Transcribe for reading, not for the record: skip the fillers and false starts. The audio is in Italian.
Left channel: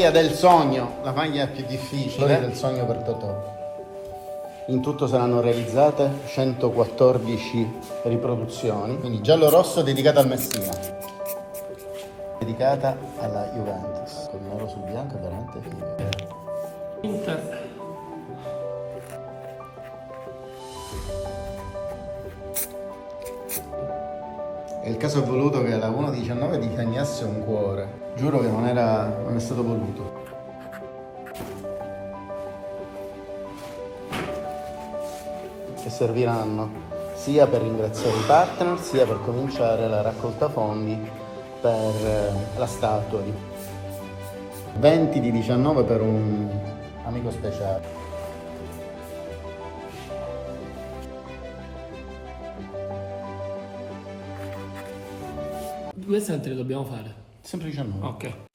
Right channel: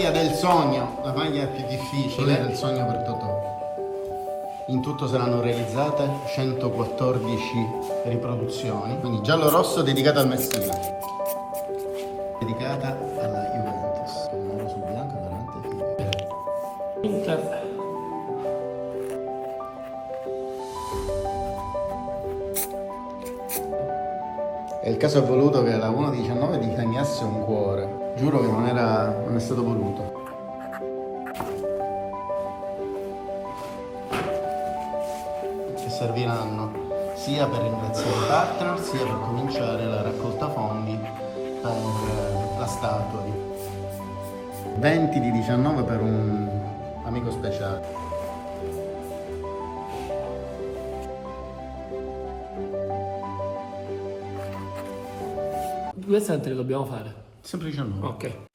maglia del sogno, la maglia più difficile. Del sogno per Totò. In tutto saranno realizzate 114 riproduzioni. Quindi giallo-rosso dedicata al Messina. Dedicata alla Juventus. Con l'oro su bianco è veramente figo. Inter. E il caso è voluto che la 1.19 disegnasse un cuore. Giuro che non è stato voluto. Che serviranno sia per ringraziare i partner, sia per cominciare la raccolta fondi per la statua. 20 di 19 per un amico speciale. Queste te le dobbiamo fare. Semplicemente. Ok.